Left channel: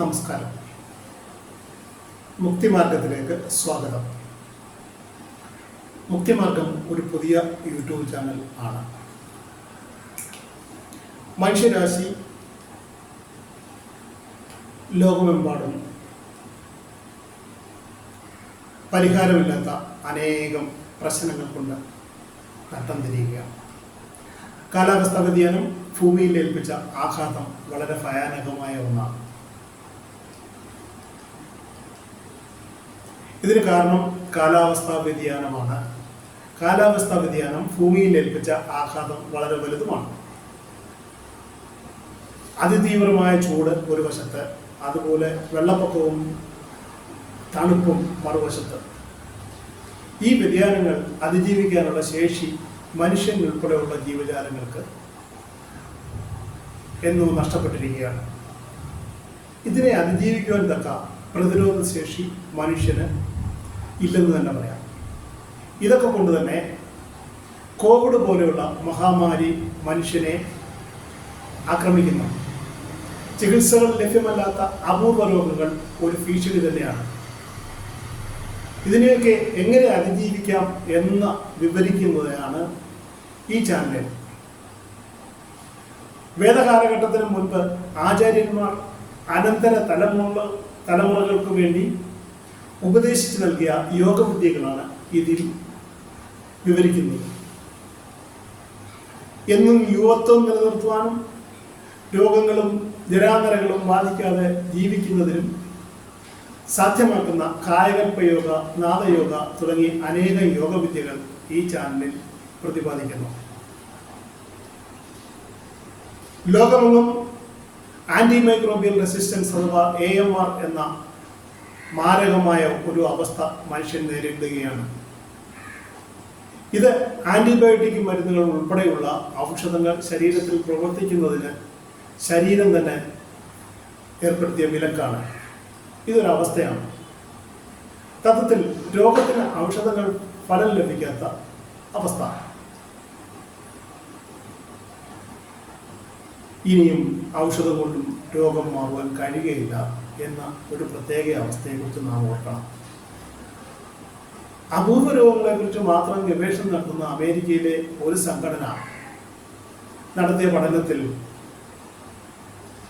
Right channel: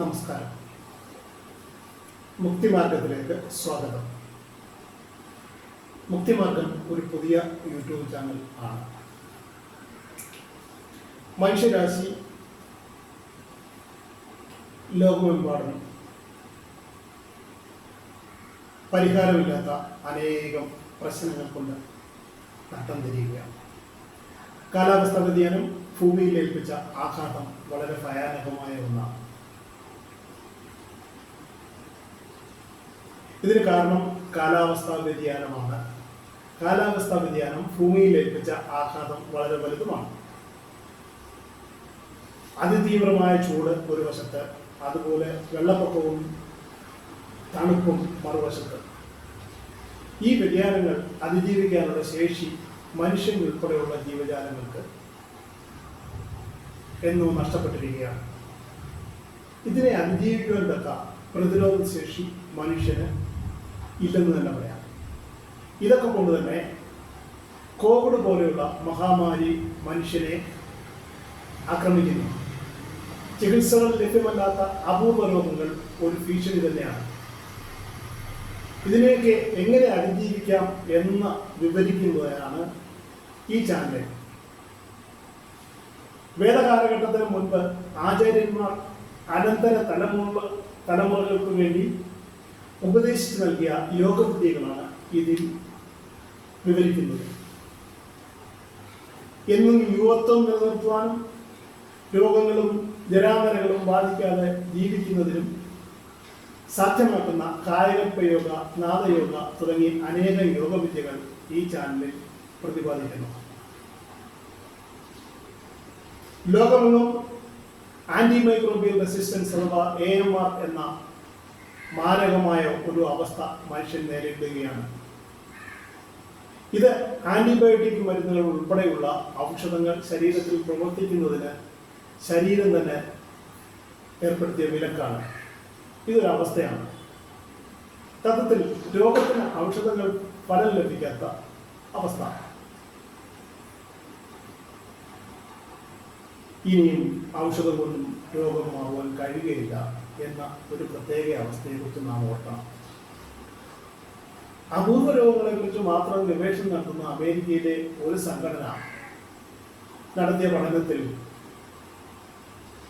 നമസ്കാരം. മുക്തിമാർഗത്തിലേക്ക് സ്വാഗതം. മുക്തിമാർഗം ഒരു പുതിയ യൂട്യൂബ് ചാനൽ ആണ്. മനുഷ്യരാശി ലോകമെമ്പാടും പരിഹാരമില്ലാത്ത അനേകം പ്രശ്നങ്ങൾ കൊണ്ട് നട്ടം തിരിയുകയാണ്. കാലാവസ്ഥാ വ്യതിയാനം ഭൂമിയിൽ ഏൽപ്പിച്ച ആഘാതം വളരെ ഭയാനകമായ ഒന്നാണ്. ഇതിന് കാരണം കാലാവസ്ഥാ വ്യതിയാനമാണ്. കാലാവസ്ഥാ വ്യതിയാനം ഭൂമിയിൽ ഏൽപ്പിച്ച ആഘാതം വളരെ വലുതുമാണ്. അതിതീവ്രമായ ചൂട് ഒരു വശത്ത്, അതുപോലെ വെള്ളപ്പൊക്കവും തണുപ്പും മറുവശത്ത്. ഈ വ്യതിയാനങ്ങൾ അതിജീവിക്കാനുള്ള ശേഷി മനുഷ്യൻ ഉൾപ്പെടെയുള്ള ജീവജാലങ്ങൾക്ക് എന്നും നഷ്ടപ്പെട്ടിരിക്കുകയാണ്. ഇതിനെ അതിജീവിക്കുവാൻ തക്ക പ്രതിരോധ ശേഷി മനുഷ്യന് ഇല്ലെന്ന് തന്നെ പറയാം. ഇതൊക്കെ കൊണ്ട് തന്നെ കോവിഡ് പോലെയുള്ള മഹാമാരി മനുഷ്യനെ ആക്രമിക്കുന്നു. ചികിത്സകൾ ലഭ്യമല്ലാത്ത അപൂർവ രോഗങ്ങൾ ഒരു ഭീഷണി തന്നെയാണ്. ഇതിനെയൊക്കെ എങ്ങനെ അതിജീവിക്കാം എന്ന് വിവരിക്കുന്നതാണ് ഈ ചാനൽ. വേദകാലഘട്ടത്തിന് മുൻപ് ആചാര്യന്മാർ അനന്തര തലമുറകൾക്ക് വേണ്ടി ഉപദേശിച്ചു നൽകിയ യോഗവിദ്യകളാണ് ഇതിൽ വിവരിക്കുന്നത്. എന്നും യുവത്വം നിലനിർത്തുവാനും രോഗങ്ങളും ജരാനരകളും ബാധിക്കാതെ ജീവിക്കുന്നതിനും സാധ്യമാക്കുന്ന കായകൽപ്പ യോഗ, നാദയോഗ തുടങ്ങി അനേകം യോഗവിദ്യകൾ ഈ ചാനലിൽ പ്രതിപാദിക്കുന്നു. ലോകമെങ്ങും ആന്റിമൈക്രോബിയൽ റെസിസ്റ്റൻസ് അഥവാ AMR എന്ന മാരകമായ ഒരു അവസ്ഥ മനുഷ്യൻ നേരിടുകയാണ്. ഇത് ആന്റിബയോട്ടിക് മരുന്നുകൾ ഉൾപ്പെടെയുള്ള ഔഷധങ്ങൾ ശരീരത്തിൽ പ്രവർത്തിക്കുന്നതിന് ശരീരം തന്നെ ഏർപ്പെടുത്തിയ വിലക്കാണ്. ഇതൊരവസ്ഥയാണ്. തത്വത്തിൽ രോഗത്തിന് ഔഷധങ്ങൾ ഫലം ലഭിക്കാത്ത അവസ്ഥ. ഇനിയും ഔഷധം കൊണ്ടും രോഗം മാറുവാൻ കഴിയുകയില്ല എന്ന ഒരു പ്രത്യേക അവസ്ഥയെക്കുറിച്ച് നാം ഓർക്കണം. അപൂർവ രോഗങ്ങളെക്കുറിച്ച് മാത്രം ഗവേഷണം നടത്തുന്ന അമേരിക്കയിലെ ഒരു സംഘടന നടത്തിയ പഠനത്തിൽ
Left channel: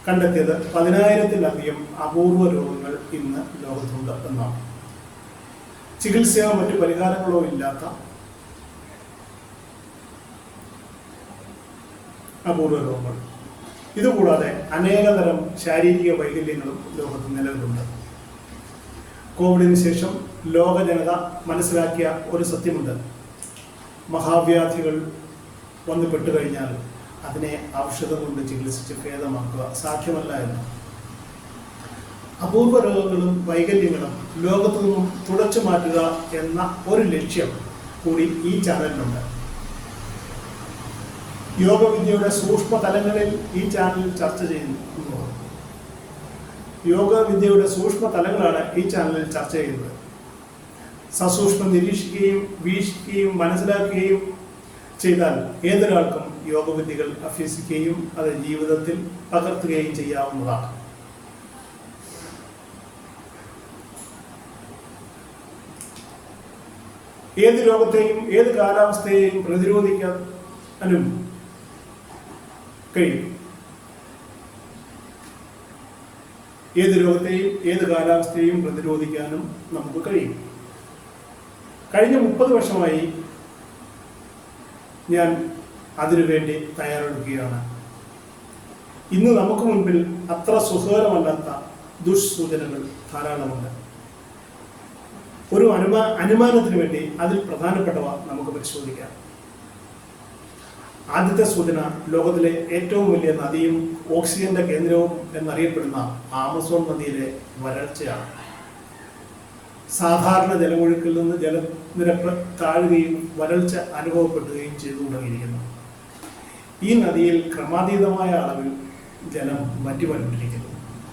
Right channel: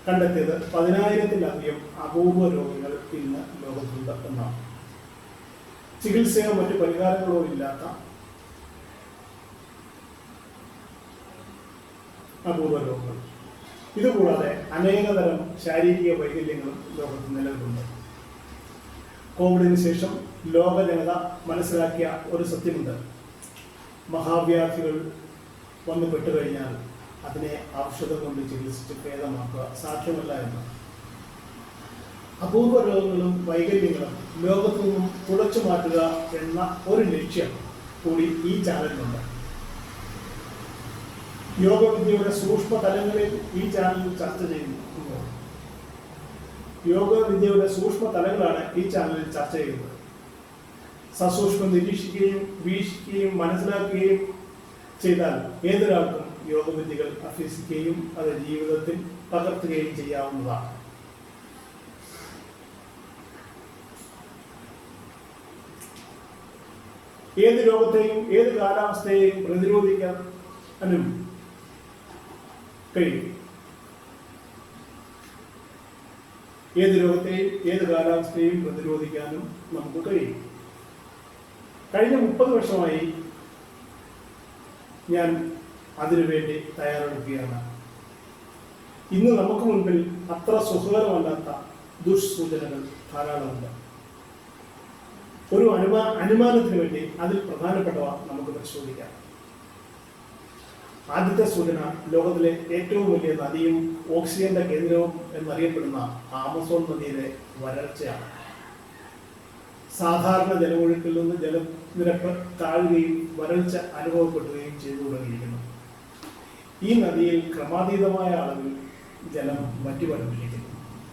കണ്ടെത്തിയത് 10,000-ലധികം അപൂർവ രോഗങ്ങൾ ഇന്ന് ലോകത്തുണ്ട് എന്നാണ്. ചികിത്സയോ മറ്റു പരിഹാരങ്ങളോ ഇല്ലാത്ത അപൂർവ രോഗങ്ങൾ. ഇതുകൂടാതെ അനേകതരം ശാരീരിക വൈകല്യങ്ങളും ലോകത്ത് നിലവിലുണ്ട്. കോവിഡിന് ശേഷം ലോക ജനത മനസ്സിലാക്കിയ ഒരു സത്യമുണ്ട്: മഹാവ്യാധികൾ വന്നു പെട്ടുകഴിഞ്ഞാൽ അതിനെ ഔഷധം കൊണ്ട് ചികിത്സിച്ച് ഭേദമാക്കുക സാധ്യമല്ല എന്ന്. അപൂർവ രോഗങ്ങളും വൈകല്യങ്ങളും ലോകത്തു നിന്നും തുടച്ചു മാറ്റുക എന്ന ഒരു ലക്ഷ്യം കൂടി ഈ ചാനലിനുണ്ട്. യോഗവിദ്യയുടെ സൂക്ഷ്മ തലങ്ങളിൽ ഈ ചാനലിൽ ചർച്ച ചെയ്യുന്നു. യോഗവിദ്യയുടെ സൂക്ഷ്മ തലങ്ങളാണ് ഈ ചാനലിൽ ചർച്ച ചെയ്യുന്നത്. സസൂക്ഷ്മം നിരീക്ഷിക്കുകയും വീക്ഷിക്കുകയും മനസ്സിലാക്കുകയും ചെയ്താൽ ഏതൊരാൾക്കും യോഗവിദ്യകൾ അഭ്യസിക്കുകയും അത് ജീവിതത്തിൽ പകർത്തുകയും ചെയ്യാവുന്നതാണ്. ഏത് രോഗത്തെയും ഏത് കാലാവസ്ഥയെയും പ്രതിരോധിക്കാനും കഴിയും. ഏത് രോഗത്തെയും ഏത് കാലാവസ്ഥയെയും പ്രതിരോധിക്കാനും നമുക്ക് കഴിയും. കഴിഞ്ഞ 30 വർഷമായി ഞാൻ അതിനുവേണ്ടി തയ്യാറെടുക്കുകയാണ്. ഇന്ന് നമുക്ക് മുൻപിൽ അത്ര സുഖകരമല്ലാത്ത ദുഷ്സൂചനകൾ ധാരാളമുണ്ട്. ഒരു അനുമാനത്തിന് വേണ്ടി അതിൽ പ്രധാനപ്പെട്ടവ നമുക്ക് പരിശോധിക്കാം. ആദ്യത്തെ സൂചന ലോകത്തിലെ ഏറ്റവും വലിയ നദിയും ഓക്സിജന്റെ കേന്ദ്രവും എന്നറിയപ്പെടുന്ന ആമസോൺ നദിയിലെ വരൾച്ചയാണ്. സാധാരണ ജലമൊഴുക്കിൽ നിന്ന് ജലനിരപ്പ് താഴുകയും വരൾച്ച അനുഭവപ്പെടുകയും ചെയ്തു തുടങ്ങിയിരിക്കുന്നു. ഈ നദിയിൽ ക്രമാതീതമായ അളവിൽ ജലം വറ്റിവരണ്ടിരിക്കുന്നു.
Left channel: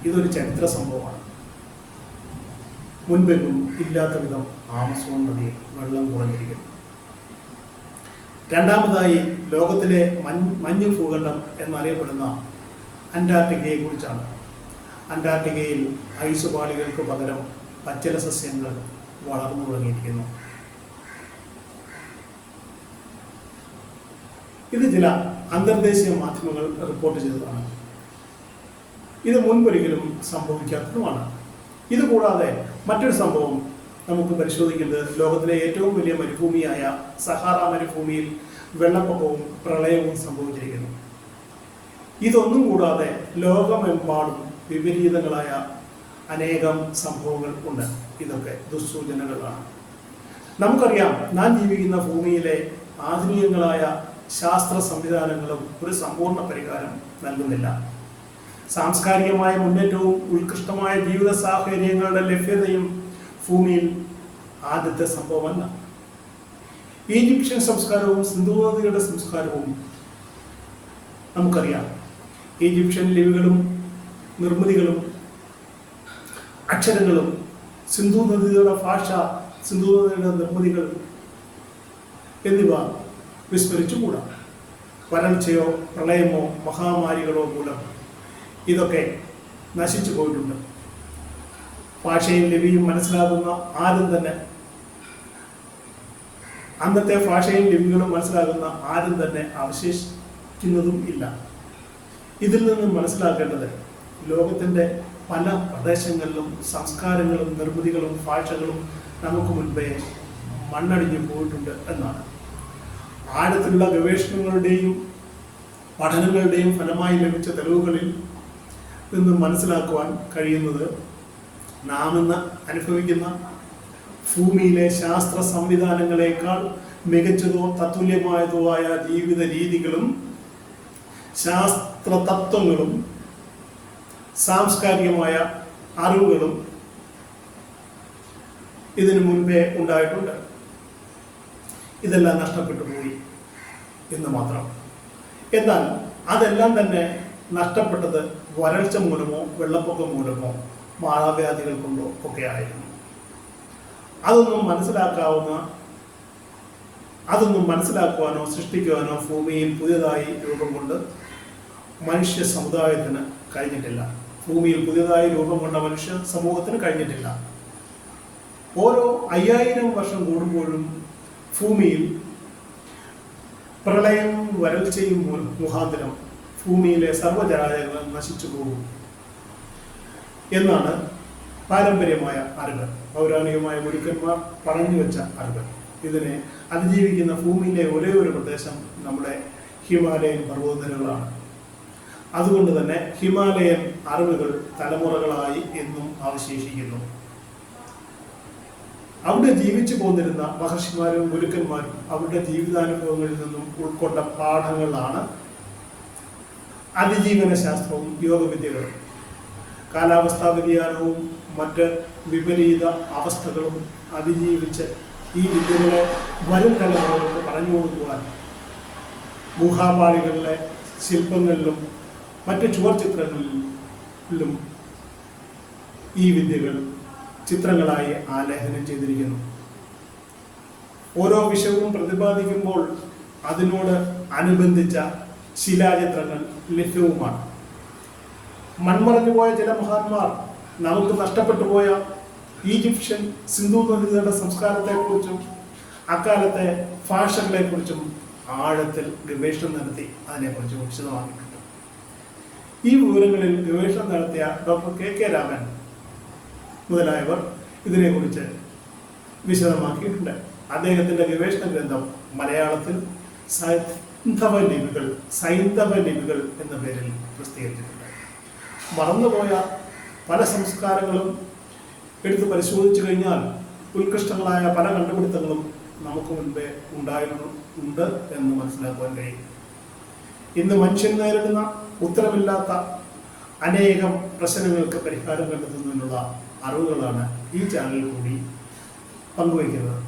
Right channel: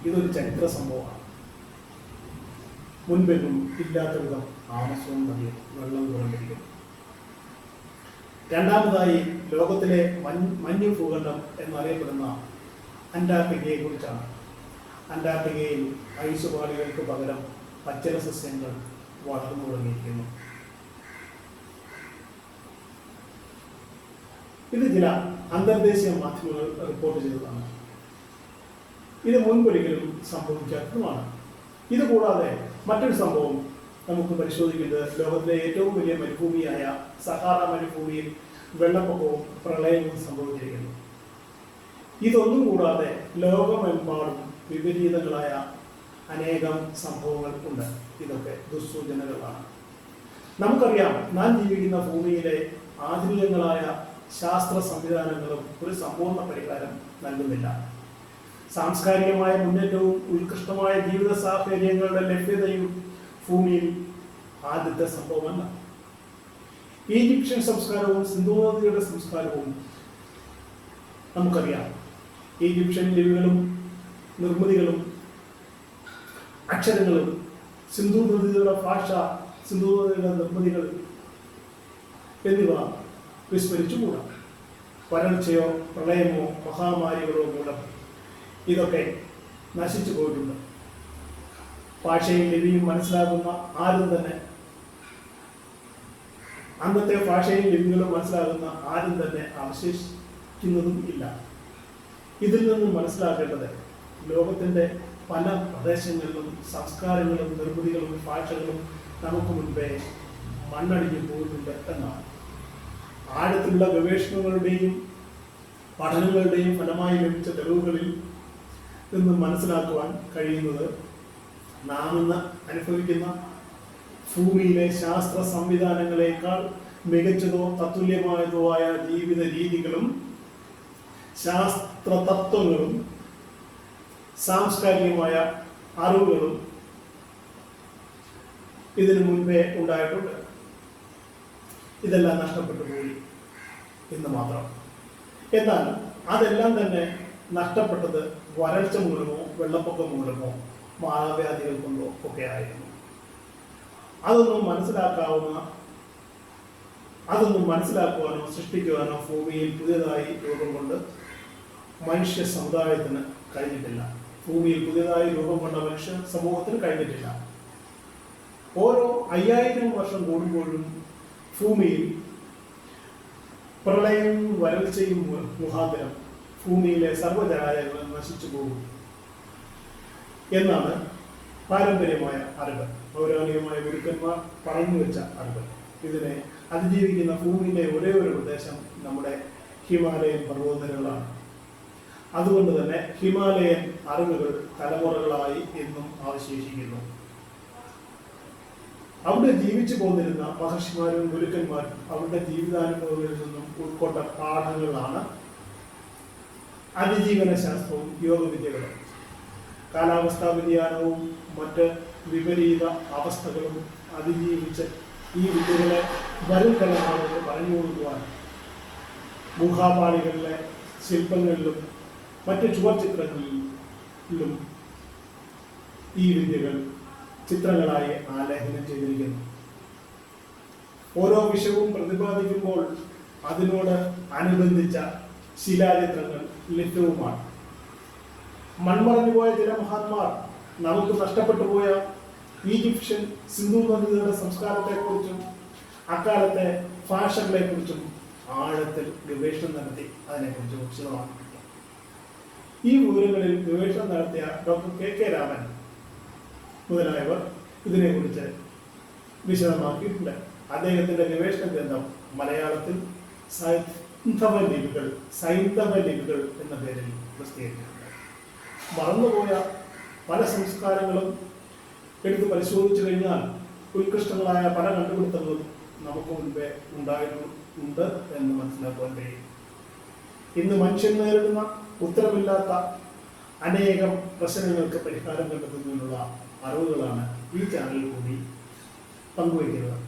ഇതൊരു ചരിത്ര സംഭവമാണ്. മുൻപെങ്ങും ഇല്ലാത്ത വിധം ആമസോൺ നദിയിൽ വെള്ളം കുറഞ്ഞിരിക്കുന്നു. രണ്ടാമതായി ലോകത്തിലെ മഞ്ഞ് ഭൂഖണ്ഡം എന്നറിയപ്പെടുന്ന അന്റാർട്ടിക്കയെ കുറിച്ചാണ്. അന്റാർട്ടിക്കയിൽ ഐസുപാളികൾക്ക് പകരം പച്ചില സസ്യങ്ങൾ വളർന്നു തുടങ്ങിയിരിക്കുന്നു. ഇത് ചില അന്തർദേശീയ മാധ്യമങ്ങൾ റിപ്പോർട്ട് ചെയ്തതാണ്. ഇത് മുൻപൊരിക്കലും സംഭവിക്കാത്തതുമാണ്. ഇത് കൂടാതെ മറ്റൊരു സംഭവം നമുക്ക് പരിശോധിക്കേണ്ടത് ലോകത്തിലെ ഏറ്റവും വലിയ മരുഭൂമിയായ സഹാറ മരുഭൂമിയിൽ വെള്ളപ്പൊക്കവും പ്രളയവും സംഭവിച്ചിരിക്കുന്നു. ഇതൊന്നും കൂടാതെ ലോകമെമ്പാടും വിപരീതങ്ങളായ അനേകം സംഭവങ്ങൾ ഉണ്ട്. ഇതൊക്കെ ദുസ്സൂചനകളാണ്. നമുക്കറിയാം, നാം ജീവിക്കുന്ന ഭൂമിയിലെ ആധുനികങ്ങളായ ശാസ്ത്ര സംവിധാനങ്ങളും ഒരു സമ്പൂർണ്ണ പരിഹാരം നൽകുന്നില്ല. സാംസ്കാരികമായ മുന്നേറ്റവും ഉത്കൃഷ്ടമായ ജീവിത സാഹചര്യങ്ങളുടെ ലഭ്യതയും ഭൂമിയിൽ ആദ്യത്തെ സംഭവമല്ല. ഈജിപ്ഷ്യൻ സംസ്കാരവും സിന്ധു നദിയുടെ സംസ്കാരവും നമുക്കറിയാം. ഈജിപ്ഷ്യൻ ലിപികളും നിർമ്മിതികളും അക്ഷരങ്ങളും സിന്ധു നദിയുടെ ഭാഷ, സിന്ധു നദിയുടെ നിർമ്മിതികൾ എന്നിവ വിസ്മരിച്ചുകൂടാ. വരൾച്ചയോ പ്രളയമോ മഹാമാരികളോ മൂലം ഇതൊക്കെ നശിച്ചു പോയിട്ടുണ്ട്. ഭാഷയും ലിപിയും മനസ്സിലാകുന്ന ആരും തന്നെ, അന്നത്തെ ഭാഷയും ലിപികളും മനസ്സിലാകുന്ന ആരും തന്നെ അവശേഷിക്കുന്നതും ഇല്ല. ഇതിൽ നിന്നും മനസ്സിലാക്കേണ്ടത് ലോകത്തിൻ്റെ പല പ്രദേശങ്ങളിലും സംസ്കാരങ്ങളും നിർമ്മിതികളും ഭാഷകളും നമുക്ക് മുൻപേ മണ്ണടിഞ്ഞു പോയിട്ടുണ്ട് എന്നാണ്. ആഴത്തിലുള്ള ഗവേഷണങ്ങളുടെയും പഠനങ്ങളുടെയും ഫലമായി ലഭിച്ച തെളിവുകളിൽ നിന്നും മനസ്സിലാക്കുവാൻ കഴിയുന്നത് നാം ഇന്ന് അനുഭവിക്കുന്ന ഭൂമിയിലെ ശാസ്ത്ര സംവിധാനങ്ങളെക്കാൾ മികച്ചതോ തത്തുല്യമായതോ ആയ ജീവിത രീതികളും ശാസ്ത്ര തത്വങ്ങളും സാംസ്കാരികമായ അറിവുകളും ഇതിനു മുൻപേ ഉണ്ടായിട്ടുണ്ട്. ഇതെല്ലാം നഷ്ടപ്പെട്ടു പോയി എന്ന് മാത്രം. എന്നാൽ അതെല്ലാം തന്നെ നഷ്ടപ്പെട്ടത് വരൾച്ച മൂലമോ വെള്ളപ്പൊക്കം മൂലമോ മാറാവ്യാധികൾ കൊണ്ടോ ഒക്കെ ആയിരുന്നു. അതൊന്നും മനസ്സിലാക്കുവാനോ സൃഷ്ടിക്കുവാനോ ഭൂമിയിൽ പുതിയതായി രൂപം കൊണ്ട് മനുഷ്യ സമുദായത്തിന് കഴിഞ്ഞിട്ടില്ല. ഭൂമിയിൽ പുതിയതായി രൂപം കൊണ്ട മനുഷ്യ സമൂഹത്തിന് കഴിഞ്ഞിട്ടില്ല. ഓരോ 5000 വർഷം കൂടുമ്പോഴും ഭൂമിയിൽ പ്രളയവും വരൾച്ചയും മുഖാന്തരം ഭൂമിയിലെ സർവ്വജരാചരങ്ങൾ നശിച്ചു പോകും എന്നാണ് പാരമ്പര്യമായ അറിവ്, പൗരാണികമായ ഗുരുക്കന്മാർ പറഞ്ഞു വെച്ച അറിവ്. ഇതിനെ അതിജീവിക്കുന്ന ഭൂമിയിലെ ഒരേ ഒരു പ്രദേശം നമ്മുടെ ഹിമാലയൻ പർവ്വതനിരകളാണ്. അതുകൊണ്ട് തന്നെ ഹിമാലയൻ അറിവുകൾ തലമുറകളായി എന്നും അവശേഷിക്കുന്നു. അവിടെ ജീവിച്ചു പോന്നിരുന്ന മഹർഷിമാരും ഗുരുക്കന്മാരും അവരുടെ ജീവിതാനുഭവങ്ങളിൽ നിന്നും ഉൾക്കൊണ്ട പാഠങ്ങളാണ് അതിജീവന ശാസ്ത്രവും യോഗവിദ്യകളും. കാലാവസ്ഥാ വ്യതിയാനവും മറ്റ് വിപരീത അവസ്ഥകളും അതിജീവിച്ച് ഈ വിദ്യകളെ വരും തലമുറകൾക്ക് പറഞ്ഞു കൊടുക്കുവാൻ ഗുഹാപാളികളിലെ ശില്പങ്ങളിലും മറ്റ് ചുവർചിത്രങ്ങളിലും ഈ വിദ്യകൾ ചിത്രങ്ങളായി ആലേഖനം ചെയ്തിരിക്കുന്നു. ഓരോ വിഷയവും പ്രതിപാദിക്കുമ്പോൾ അതിനോട് അനുബന്ധിച്ച ശിലാചിത്രങ്ങൾ ലഭ്യവുമാണ്. മൺമറഞ്ഞുപോയ ചില മഹാന്മാർ നമുക്ക് നഷ്ടപ്പെട്ടു പോയ ഈജിപ്ഷ്യൻ സിന്ധു നദികളുടെ സംസ്കാരത്തെക്കുറിച്ചും അക്കാലത്തെ ഭാഷകളെക്കുറിച്ചും ആഴത്തിൽ ഗവേഷണം നടത്തി അതിനെക്കുറിച്ച് വിശദമാക്കിയിട്ടുണ്ട്. ഈ വിവരങ്ങളിൽ ഗവേഷണം നടത്തിയ ഡോക്ടർ KK രാമൻ മുതലായവർ ഇതിനെക്കുറിച്ച് വിശദമാക്കിയിട്ടുണ്ട്. അദ്ദേഹത്തിൻ്റെ ഗവേഷണ ഗ്രന്ഥം മലയാളത്തിൽ സൈന്ധവ ലിപികൾ എന്ന പേരിൽ പ്രസിദ്ധീകരിച്ചിട്ടുണ്ട്. മറന്നുപോയ പല സംസ്കാരങ്ങളും എടുത്ത് പരിശോധിച്ചു കഴിഞ്ഞാൽ ഉത്കൃഷ്ടങ്ങളായ പല കണ്ടുപിടുത്തങ്ങളും നമുക്ക് മുൻപേ ഉണ്ട് എന്ന് മനസ്സിലാക്കാൻ കഴിയും. ഇന്ന് മനുഷ്യൻ നേരിടുന്ന ഉത്തരമില്ലാത്ത അനേകം പ്രശ്നങ്ങൾക്ക് പരിഹാരം കണ്ടെത്തുന്നതിനുള്ള അറിവുകളാണ് ഈ ചാനലിൽ കൂടി പങ്കുവയ്ക്കുന്നത്.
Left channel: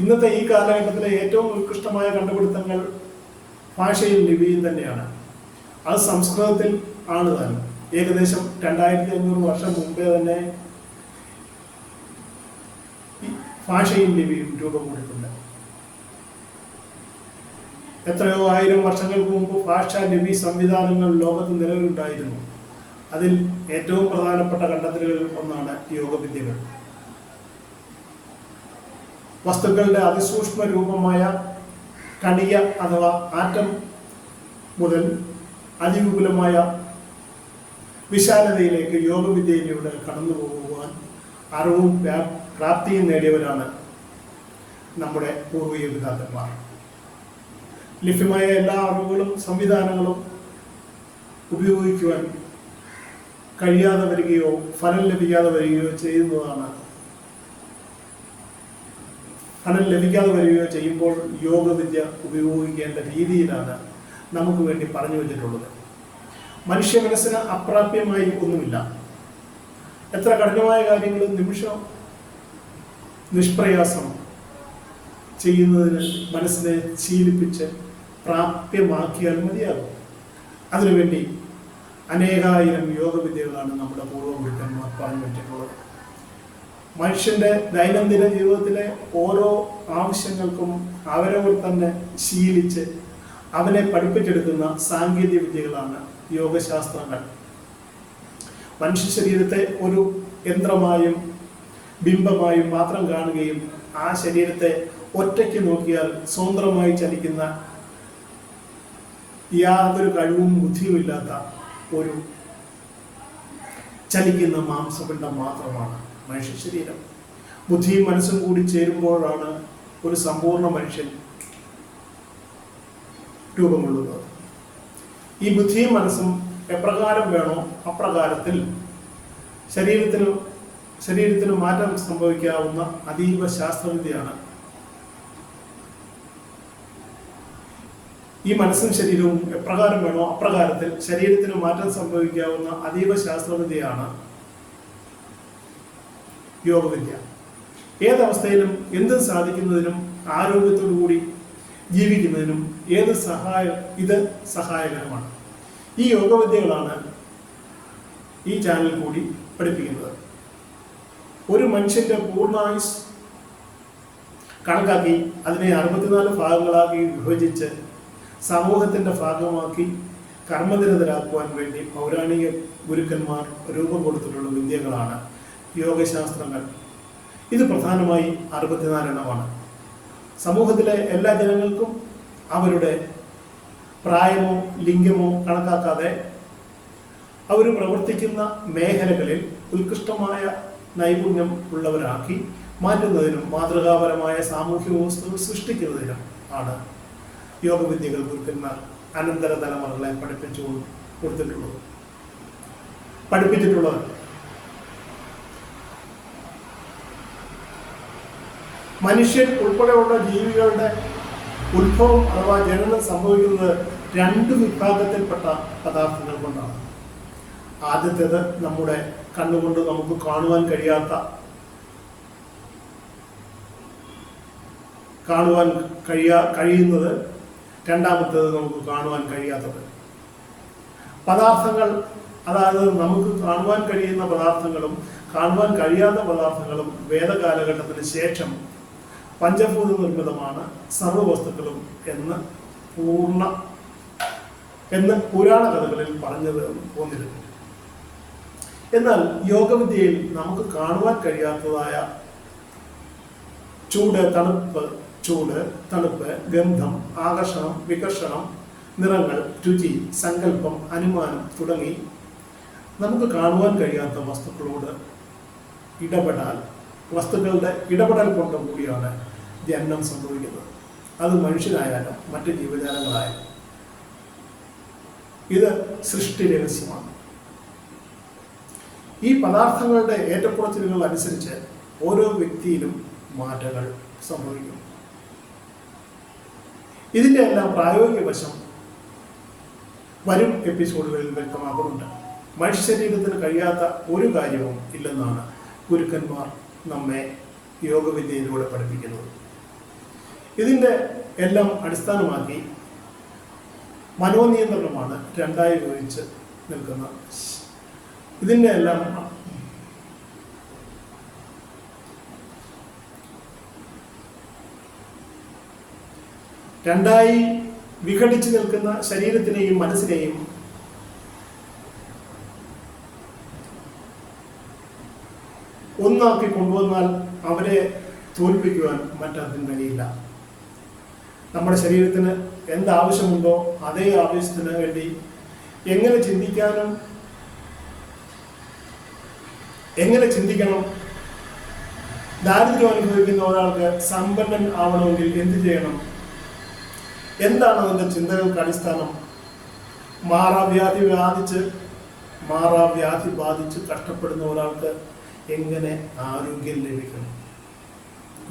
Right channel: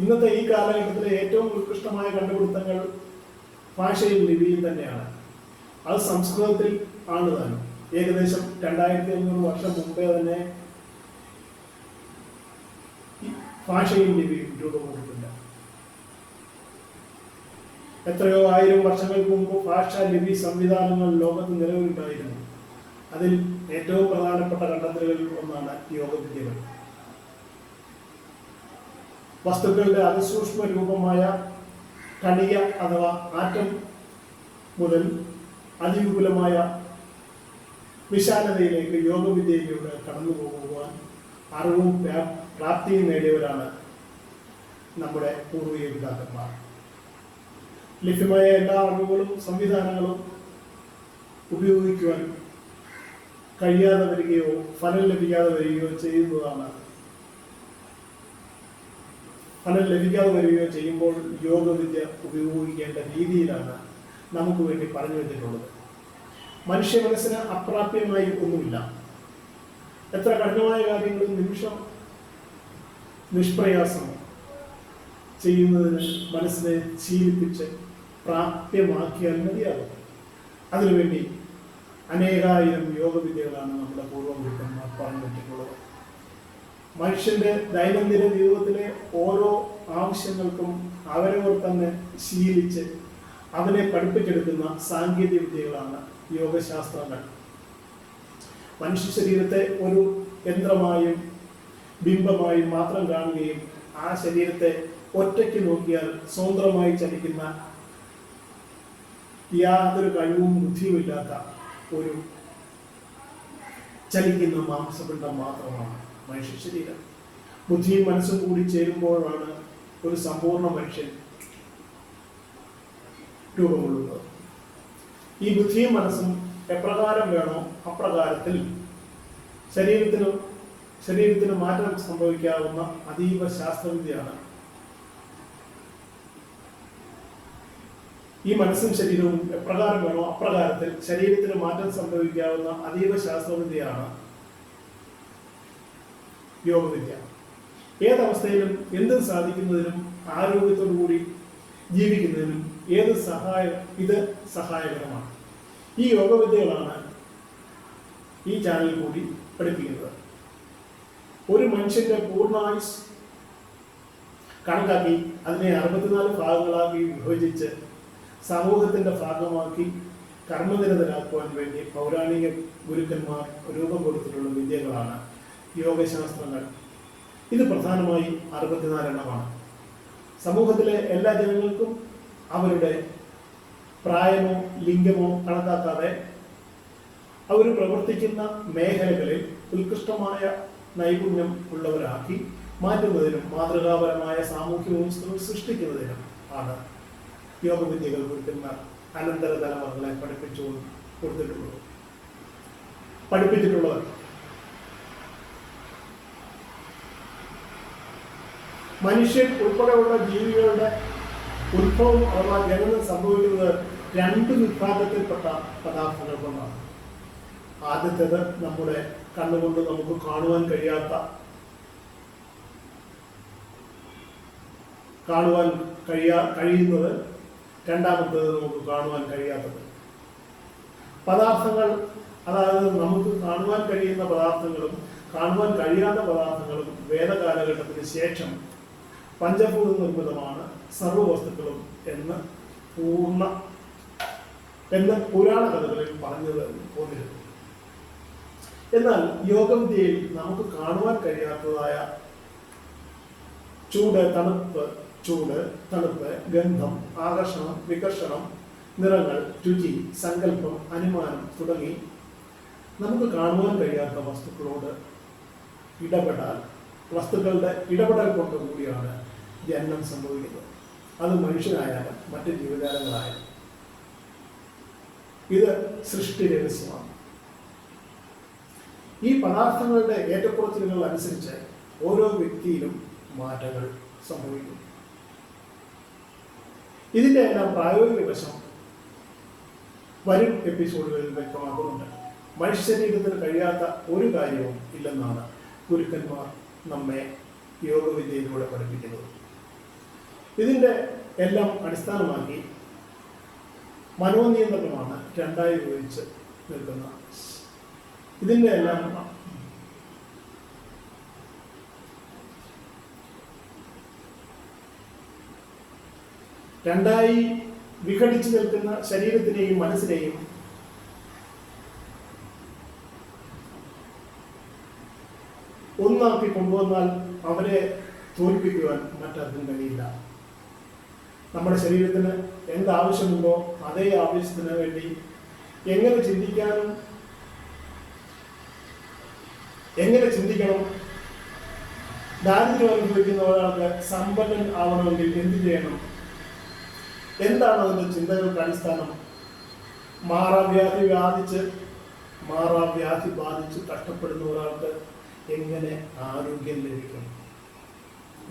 ഇന്നത്തെ ഈ കാലഘട്ടത്തിലെ ഏറ്റവും ഉത്കൃഷ്ടമായ കണ്ടുപിടുത്തങ്ങൾ ഭാഷയും ലിപിയും തന്നെയാണ്. അത് സംസ്കൃതത്തിൽ ആണ് താനും. ഏകദേശം 2500 വർഷം മുമ്പേ തന്നെ ഭാഷയും ലിപിയും രൂപം കൊണ്ടിട്ടുണ്ട്. എത്രയോ 1000 വർഷങ്ങൾക്ക് മുമ്പ് ഭാഷ ലിപി സംവിധാനങ്ങൾ ലോകത്ത് നിലവിലുണ്ടായിരുന്നു. അതിൽ ഏറ്റവും പ്രധാനപ്പെട്ട കണ്ടെത്തലുകളിൽ ഒന്നാണ് യോഗവിദ്യകൾ. വസ്തുക്കളുടെ അതിസൂക്ഷ്മ രൂപമായ കണിക അഥവാ ആറ്റം മുതൽ അതിവിപുലമായ വിശാലതയിലേക്ക് യോഗവിദ്യയിലൂടെ കടന്നു പോകുവാൻ അറിവും പ്രാപ്തിയും നേടിയവരാണ് നമ്മുടെ പൂർവിക പിതാക്കന്മാർ. ലഭ്യമായ എല്ലാ അറിവുകളും സംവിധാനങ്ങളും ഉപയോഗിക്കുവാൻ കഴിയാതെ വരികയോ ഫലം ലഭിക്കാതെ വരികയോ ചെയ്യുമ്പോൾ യോഗവിദ്യ ഉപയോഗിക്കേണ്ട രീതിയിലാണ് നമുക്ക് വേണ്ടി പറഞ്ഞു വെച്ചിട്ടുള്ളത്. മനുഷ്യ മനസ്സിന് അപ്രാപ്യമായി ഒന്നുമില്ല. എത്ര കഠിനമായ കാര്യങ്ങളും നിമിഷം നിഷ്പ്രയാസം ചെയ്യുന്നതിന് മനസ്സിനെ ശീലിപ്പിച്ച് പ്രാപ്യമാക്കിയാൽ മതിയാകും. അതിനുവേണ്ടി അനേകായിരം യോഗവിദ്യകളാണ് നമ്മുടെ പൂർവ്വഗുരുക്കന്മാർ പറഞ്ഞു വെച്ചിട്ടുള്ളത്. മനുഷ്യന്റെ ദൈനംദിന ജീവിതത്തിലെ ഓരോ ആവശ്യങ്ങൾക്കും അവരവർ തന്നെ ശീലിച്ച് അവനെ പഠിപ്പിച്ചെടുക്കുന്ന സാങ്കേതിക വിദ്യകളാണ് യോഗശാസ്ത്രങ്ങൾ. മനുഷ്യ ശരീരത്തെ ഒരു യന്ത്രമായും ബിംബമായും മാത്രം കാണുകയും ആ ശരീരത്തെ ഒറ്റയ്ക്ക് നോക്കിയാൽ സ്വതന്ത്രമായി ചലിക്കുന്ന യാതൊരു കഴിവും ബുദ്ധിയുമില്ലാത്ത ഒരു ചലിക്കുന്ന മാംസപിണ്ഡം മാത്രമാണ് മനുഷ്യ ശരീരം. ബുദ്ധിയും മനസ്സും കൂടി ചേരുമ്പോഴാണ് ഒരു സമ്പൂർണ്ണ മനുഷ്യൻ രൂപം കൊള്ളുന്നത്. ഈ ബുദ്ധിയും മനസ്സും എപ്രകാരം വേണോ അപ്രകാരത്തിൽ ശരീരത്തിന് മാറ്റം സംഭവിക്കാവുന്ന അതീവ ശാസ്ത്രവിദ്യയാണ് ഈ മനസ്സും ശരീരവും എപ്രകാരം വേണോ അപ്രകാരത്തിൽ ശരീരത്തിന് മാറ്റം സംഭവിക്കാവുന്ന അതീവ ശാസ്ത്രവിദ്യയാണ് യോഗവിദ്യ. ഏതവസ്ഥയിലും എന്തും സാധിക്കുന്നതിനും ആരോഗ്യത്തോടുകൂടി ജീവിക്കുന്നതിനും ഇത് സഹായകരമാണ്. ഈ യോഗവിദ്യകളാണ് ഈ ചാനൽ കൂടി പഠിപ്പിക്കുന്നത്. ഒരു മനുഷ്യന്റെ പൂർണ്ണായുസ് കണക്കാക്കി അതിനെ 64 ഭാഗങ്ങളാക്കി വിഭജിച്ച് സമൂഹത്തിന്റെ ഭാഗമാക്കി കർമ്മനിരതരാക്കുവാൻ വേണ്ടി പൗരാണിക ഗുരുക്കന്മാർ രൂപം കൊടുത്തിട്ടുള്ള വിദ്യകളാണ് യോഗശാസ്ത്രങ്ങൾ. ഇത് പ്രധാനമായി 64 എണ്ണമാണ്. സമൂഹത്തിലെ എല്ലാ ജനങ്ങൾക്കും അവരുടെ പ്രായമോ ലിംഗമോ കണക്കാക്കാതെ അവർ പ്രവർത്തിക്കുന്ന മേഖലകളിൽ ഉത്കൃഷ്ടമായ നൈപുണ്യം ഉള്ളവരാക്കി മാറ്റുന്നതിനും മാതൃകാപരമായ സാമൂഹ്യ വ്യവസ്ഥകൾ സൃഷ്ടിക്കുന്നതിനും ആണ് യോഗവിദ്യകൾ ഗുരുക്കന്മാർ അനന്തര തലമുറകളെ പഠിപ്പിച്ചിട്ടുള്ളത്. മനുഷ്യൻ ഉൾപ്പെടെയുള്ള ജീവികളുടെ ഉത്ഭവം അഥവാ ജനനം സംഭവിക്കുന്നത് 2 വിഭാഗത്തിൽപ്പെട്ട പദാർത്ഥങ്ങൾ കൊണ്ടാണ്. ആദ്യത്തേത് നമ്മുടെ കണ്ണുകൊണ്ട് നമുക്ക് കാണുവാൻ കഴിയുന്നത്, രണ്ടാമത്തേത് നമുക്ക് കാണുവാൻ കഴിയാത്തത്. പദാർത്ഥങ്ങൾ, അതായത് നമുക്ക് കാണുവാൻ കഴിയുന്ന പദാർത്ഥങ്ങളും കാണുവാൻ കഴിയാത്ത പദാർത്ഥങ്ങളും വേദകാലഘട്ടത്തിന് ശേഷം പഞ്ചഭൂത നിർമ്മിതമാണ് സർവ്വവസ്തുക്കളും എന്ന് പുരാണ കഥകളിൽ പറഞ്ഞത് പോന്നിരുന്നു. എന്നാൽ യോഗവിദ്യയിൽ നമുക്ക് കാണുവാൻ കഴിയാത്തതായ ചൂട്, തണുപ്പ്, ഗന്ധം, ആകർഷണം, വികർഷണം, നിറങ്ങൾ, രുചി, സങ്കല്പം, അനുമാനം തുടങ്ങി നമുക്ക് കാണുവാൻ കഴിയാത്ത വസ്തുക്കളുടെ ഇടപെടൽ കൊണ്ട് കൂടിയാണ് ജനനം സംഭവിക്കുന്നത്. അത് മനുഷ്യനായാലും മറ്റ് ജീവജാലങ്ങളായാലും. ഇത് സൃഷ്ടി രഹസ്യമാണ്. ഈ പദാർത്ഥങ്ങളുടെ ഏറ്റക്കുറച്ചിലുകൾ അനുസരിച്ച് ഓരോ വ്യക്തിയിലും മാറ്റങ്ങൾ സംഭവിക്കും. ഇതിൻ്റെ എല്ലാം പ്രായോഗിക വശം വരും എപ്പിസോഡുകളിൽ വ്യക്തമാക്കുന്നുണ്ട്. മനുഷ്യ ശരീരത്തിന് കഴിയാത്ത ഒരു കാര്യവും ഇല്ലെന്നാണ് ഗുരുക്കന്മാർ നമ്മെ യോഗവിദ്യയിലൂടെ പഠിപ്പിക്കുന്നത്. ഇതിൻ്റെ എല്ലാം അടിസ്ഥാനമാക്കി മനോനിയന്ത്രണമാണ് രണ്ടായി വിഭജിച്ച് നിൽക്കുന്ന. ഇതിൻ്റെ എല്ലാം രണ്ടായി വിഘടിച്ചു നിൽക്കുന്ന ശരീരത്തിനെയും മനസ്സിനെയും ഒന്നാക്കി കൊണ്ടുവന്നാൽ അവരെ തോൽപ്പിക്കുവാൻ മറ്റാർക്കും കഴിയില്ല. നമ്മുടെ ശരീരത്തിന് എന്താവശ്യമുണ്ടോ അതേ ആവശ്യത്തിന് വേണ്ടി എങ്ങനെ ചിന്തിക്കണം, ദാരിദ്ര്യം അനുഭവിക്കുന്ന ഒരാൾക്ക് സമ്പന്നൻ ആവണമെങ്കിൽ എന്ത് ചെയ്യണം, എന്താണ് അതിൻ്റെ ചിന്തകൾക്ക് അടിസ്ഥാനം, മാറാവ്യാധി ബാധിച്ച് കഷ്ടപ്പെടുന്ന ഒരാൾക്ക് എങ്ങനെ ആരോഗ്യം ലഭിക്കണം,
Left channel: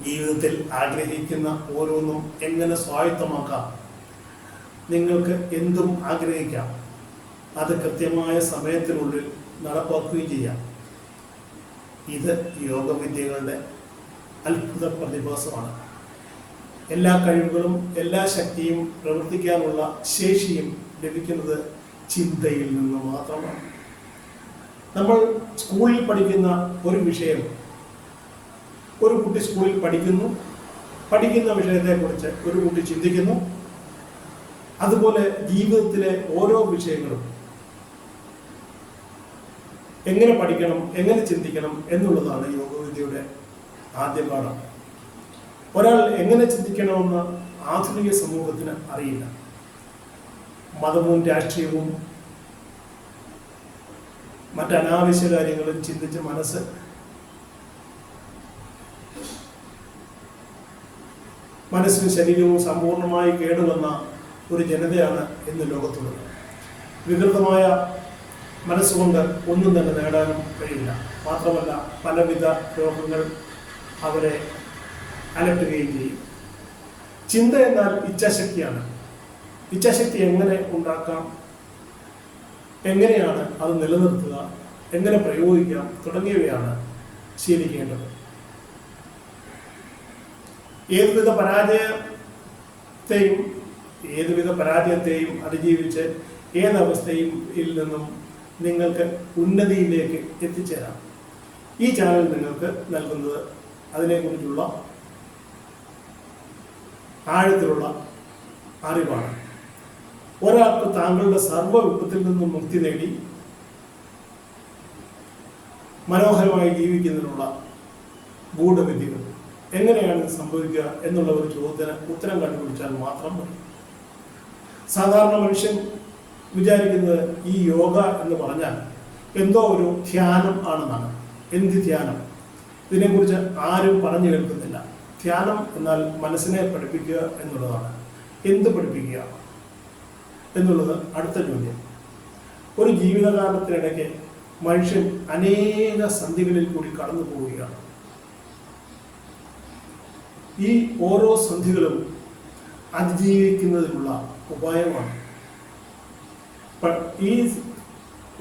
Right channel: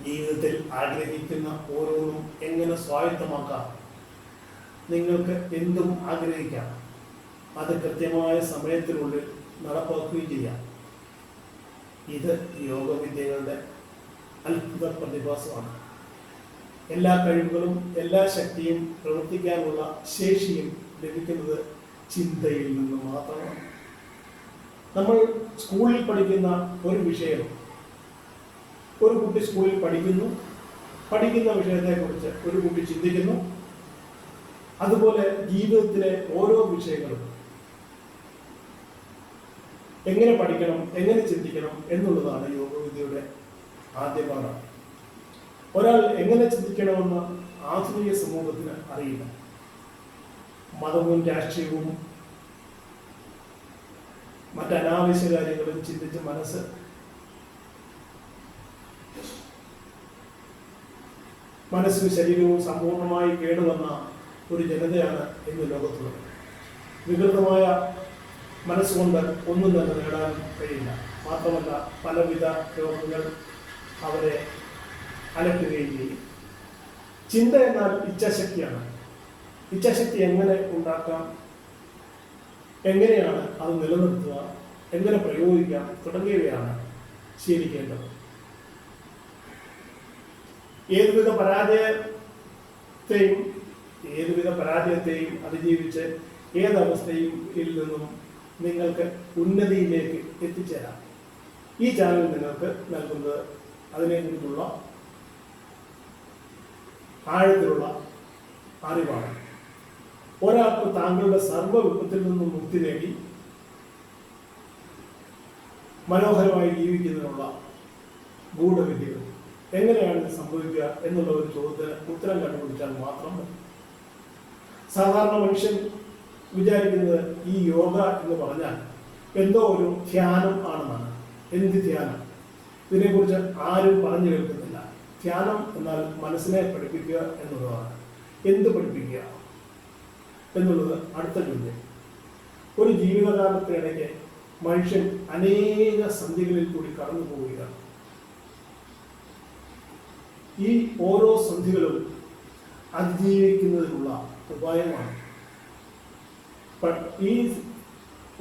ജീവിതത്തിൽ ആഗ്രഹിക്കുന്ന ഓരോന്നും എങ്ങനെ സ്വായത്തമാക്കാം. നിങ്ങൾക്ക് എന്തും ആഗ്രഹിക്കാം, അത് കൃത്യമായ സമയത്തിനുള്ളിൽ നടപ്പാക്കുകയും ചെയ്യാം. ഇത് യോഗവിദ്യകളുടെ അത്ഭുത പ്രതിഭാസമാണ്. എല്ലാ കഴിവുകളും എല്ലാ ശക്തിയും പ്രവർത്തിക്കാനുള്ള ശേഷിയും ലഭിക്കുന്നത് ചിന്തയിൽ നിന്ന് മാത്രമാണ്. നമ്മൾ സ്കൂളിൽ പഠിക്കുന്ന ഒരു വിഷയം, ഒരു കുട്ടി സ്കൂളിൽ പഠിക്കുന്ന വിഷയത്തെക്കുറിച്ച് ഒരു കുട്ടി ചിന്തിക്കുന്നു. അതുപോലെ ജീവിതത്തിലെ ഓരോ വിഷയങ്ങളും എങ്ങനെ പഠിക്കണം, എങ്ങനെ ചിന്തിക്കണം എന്നുള്ളതാണ് യോഗവിദ്യയുടെ ആദ്യ പാഠം. ഒരാൾ എങ്ങനെ ചിന്തിക്കണമെന്ന് ആധുനിക സമൂഹത്തിന് അറിയില്ല. മതവും രാഷ്ട്രീയവും മറ്റനാവശ്യ കാര്യങ്ങളും ചിന്തിച്ച് മനസ്സും ശരീരവും സമ്പൂർണമായി കേടുവന്ന ഒരു ജനതയാണ് ഇന്ന് ലോകത്തുള്ളത്. വികൃതമായ മനസ്സുകൊണ്ട് ഒന്നും തന്നെ നേടാനും കഴിയില്ല. മാത്രമല്ല, പലവിധ രോഗങ്ങൾ അവരെ അലട്ടുകയും ചെയ്യും. ചിന്ത എന്നാൽ ഇച്ഛാശക്തിയാണ്. ഇച്ഛാശക്തി എങ്ങനെ ഉണ്ടാക്കാം, എങ്ങനെയാണ് അത് നിലനിർത്തുക, എങ്ങനെ പ്രയോഗിക്കാം തുടങ്ങിയവയാണ് ശീലിക്കേണ്ടത്. ഏതുവിധ പരാജയത്തെയും അതിജീവിച്ച് ഏതവസ്ഥയിൽ നിന്നും നിങ്ങൾക്ക് ഉന്നതിയിലേക്ക് എത്തിച്ചേരാം. ഈ ചാനൽ നിങ്ങൾക്ക് നൽകുന്നത് അതിനെക്കുറിച്ചുള്ള ആഴത്തിലുള്ള അറിവാണ്. ഒരാൾക്ക് താങ്കളുടെ സർവ്വ വിപത്തിൽ നിന്നും മുക്തി നേടി മനോഹരമായി ജീവിക്കുന്നതിനുള്ള ഗൂഢവിദ്യകൾ എങ്ങനെയാണ് ഇത് സംഭവിക്കുക എന്നുള്ള ഒരു ചോദ്യത്തിന് ഉത്തരം കണ്ടുപിടിച്ചാൽ മാത്രം മതി. സാധാരണ മനുഷ്യൻ വിചാരിക്കുന്നത് ഈ യോഗ എന്ന് പറഞ്ഞാൽ എന്തോ ഒരു ധ്യാനം ആണെന്നാണ്. എന്ത് ധ്യാനം? ഇതിനെക്കുറിച്ച് ആരും പറഞ്ഞു കേൾക്കുന്നില്ല. ധ്യാനം എന്നാൽ മനസ്സിനെ പഠിപ്പിക്കുക എന്നുള്ളതാണ്. എന്ത് പഠിപ്പിക്കുക എന്നുള്ളത് അടുത്ത ചോദ്യം. ഒരു ജീവിതകാലത്തിനിടയ്ക്ക് മനുഷ്യൻ അനേക സന്ധികളിൽ കൂടി കടന്നു പോവുകയാണ്. ഈ ഓരോ സന്ധികളും അതിജീവിക്കുന്നതിനുള്ള ഉപായമാണ്. ഈ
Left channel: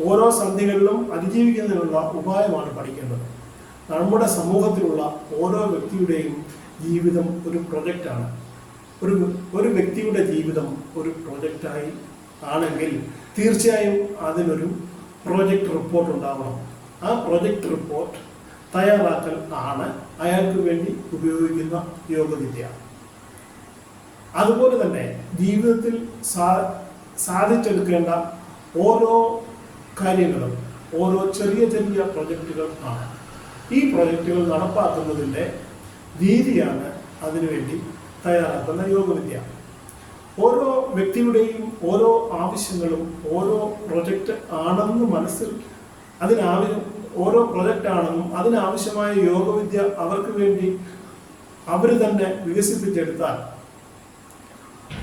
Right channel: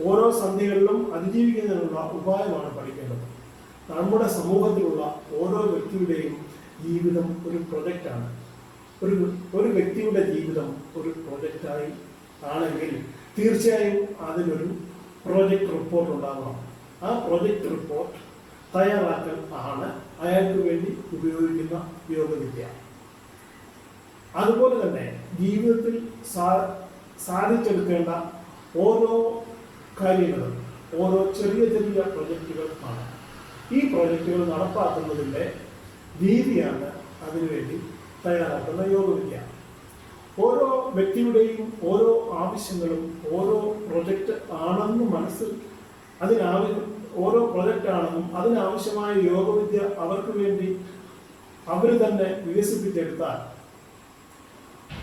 ഓരോ സന്ധികളിലും അതിജീവിക്കുന്നതിനുള്ള ഉപായമാണ് പഠിക്കേണ്ടത്. നമ്മുടെ സമൂഹത്തിലുള്ള ഓരോ വ്യക്തിയുടെയും ജീവിതം ഒരു പ്രൊജക്റ്റാണ്. ഒരു വ്യക്തിയുടെ ജീവിതം ഒരു പ്രൊജക്റ്റായി ആണെങ്കിൽ തീർച്ചയായും അതിനൊരു പ്രോജക്റ്റ് റിപ്പോർട്ട് ഉണ്ടാവണം. ആ പ്രോജക്റ്റ് റിപ്പോർട്ട് തയ്യാറാക്കൽ ആണ് അയാൾക്ക് വേണ്ടി ഉപയോഗിക്കുന്ന യോഗവിദ്യ. അതുപോലെ തന്നെ ജീവിതത്തിൽ സാധിച്ചെടുക്കേണ്ട ഓരോ കാര്യങ്ങളും ഓരോ ചെറിയ ചെറിയ പ്രൊജക്റ്റുകൾ ആണ്. ഈ പ്രൊജക്റ്റുകൾ നടപ്പാക്കുന്നതിൻ്റെ രീതിയാണ് അതിനുവേണ്ടി തയ്യാറാക്കുന്ന യോഗവിദ്യ. ഓരോ വ്യക്തിയുടെയും ഓരോ ആവശ്യങ്ങളും ഓരോ പ്രൊജക്റ്റ് ആണെന്ന് ഓരോ പ്രൊജക്റ്റ് ആണെന്നും അതിനാവശ്യമായ യോഗവിദ്യ അവർക്ക് വേണ്ടി അവർ തന്നെ വികസിപ്പിച്ചെടുത്താൽ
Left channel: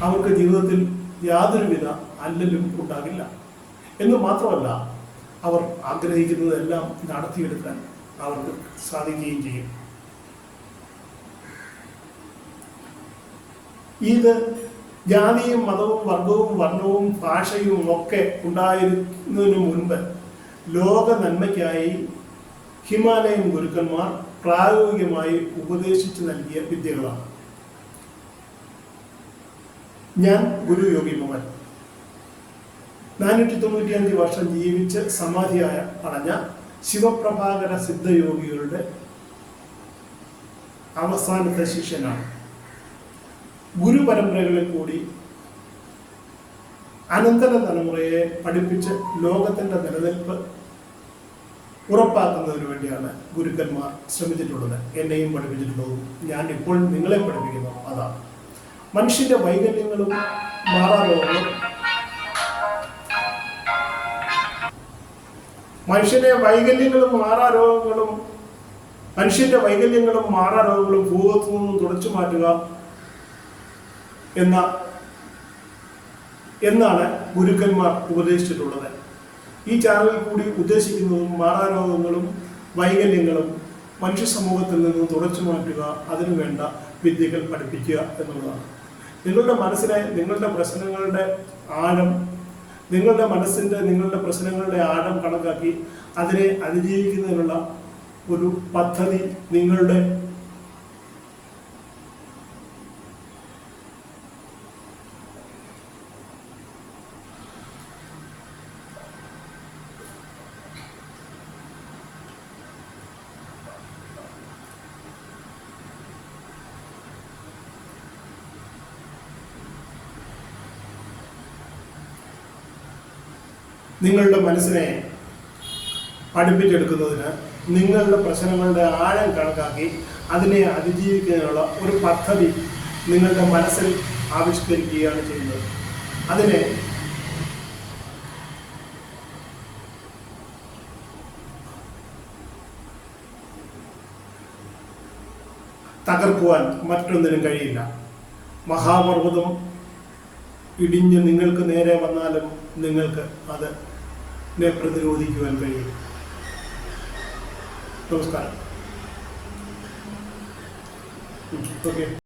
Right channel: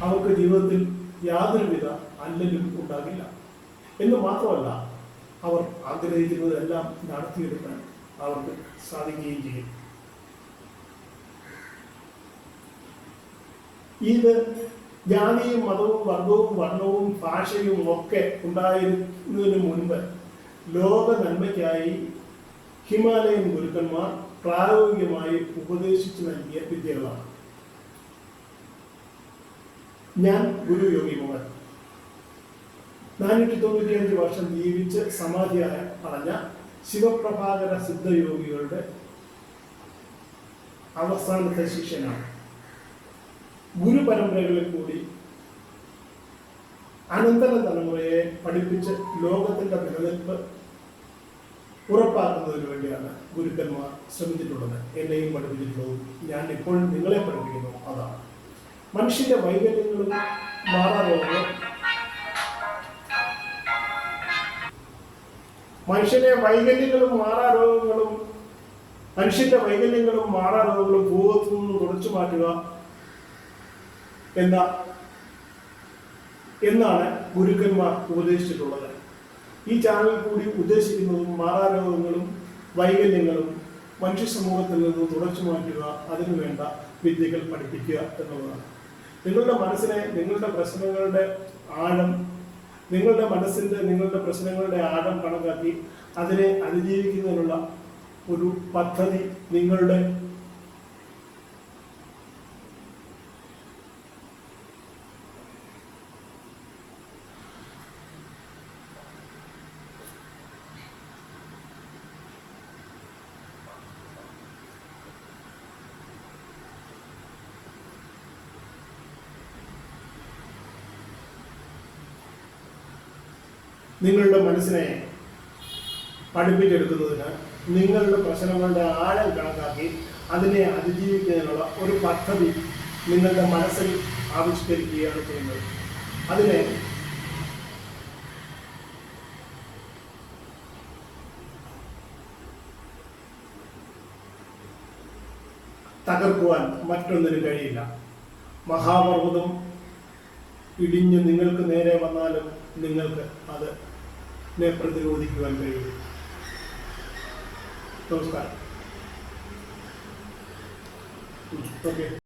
അവർക്ക് ജീവിതത്തിൽ യാതൊരുവിധ അല്ലലും ഉണ്ടാകില്ല. എന്ന് മാത്രമല്ല, അവർ ആഗ്രഹിക്കുന്നതെല്ലാം നടത്തിയെടുക്കാൻ അവർക്ക് സാധിക്കുകയും ചെയ്യും. ഇത് ജാതിയും മതവും വർഗവും വർണ്ണവും ഭാഷയും ഒക്കെ ഉണ്ടായിരുന്നതിനു മുൻപ് ലോക നന്മയ്ക്കായി ഹിമാലയൻ ഗുരുക്കന്മാർ പ്രായോഗികമായി ഉപദേശിച്ചു നൽകിയ വിദ്യകളാണ്. ഞാൻ ഗുരു യോഗി മോഹൻ 495 വർഷം ജീവിച്ച് സമാധിയായ അടഞ്ഞ ശിവപ്രഭാകര സിദ്ധയോഗികളുടെ അവസാനത്തെ ശിഷ്യനാണ്. ഗുരുപരമ്പരകളിൽ കൂടി അനന്തര തലമുറയെ പഠിപ്പിച്ച് ലോകത്തിൻ്റെ നിലനിൽപ്പ് ഉറപ്പാക്കുന്നതിന് വേണ്ടിയാണ് ഗുരുക്കന്മാർ ശ്രമിച്ചിട്ടുള്ളത്. എന്നെയും പഠിപ്പിച്ചിട്ടുള്ളതും ഞാൻ ഇപ്പോൾ നിങ്ങളെ പഠിപ്പിക്കുന്നു അതാണ്. മനുഷ്യന്റെ വൈകല്യങ്ങളും മാറാരോഗങ്ങളും മനുഷ്യന്റെ വൈകല്യങ്ങളും മാറാരോഗങ്ങളും ഭൂഗത്തു നിന്നും തുടച്ചു മാറ്റുക എന്നാണ് ഗുരുക്കന്മാർ ഉപദേശിച്ചിട്ടുള്ളത്. ഈ ചാനലിൽ കൂടി ഉദ്ദേശിക്കുന്നതും മാറാരോഗങ്ങളും വൈകല്യങ്ങളും മനുഷ്യ സമൂഹത്തിൽ നിന്നും തുടച്ചു മാറ്റുക, അതിനു വേണ്ട വിദ്യകൾ പഠിപ്പിക്കുക എന്നുള്ളതാണ്. നിങ്ങളുടെ മനസ്സിനെ, നിങ്ങളുടെ പ്രശ്നങ്ങളുടെ ആഴം കണക്കാക്കി അതിനെ അതിജീവിക്കുന്നതിനുള്ള ഒരു പദ്ധതി നിങ്ങളുടെ മനസ്സിനെ പഠിപ്പിച്ചെടുക്കുന്നതിന്, നിങ്ങളുടെ പ്രശ്നങ്ങളുടെ ആഴം കണക്കാക്കി അതിനെ അതിജീവിക്കുന്നതിനുള്ള ഒരു പദ്ധതി നിങ്ങളുടെ മനസ്സിൽ ആവിഷ്കരിക്കുകയാണ് ചെയ്യുന്നത്. അതിനെ തകർക്കുവാൻ മറ്റൊന്നിനും കഴിയില്ല. മഹാപർവ്വതം ഇടിഞ്ഞ് നിങ്ങൾക്ക് നേരെ വന്നാലും നിങ്ങൾക്ക് അതിനെ പ്രതിരോധിക്കുവാൻ കഴിയും. നമസ്കാരം. ഓക്കെ.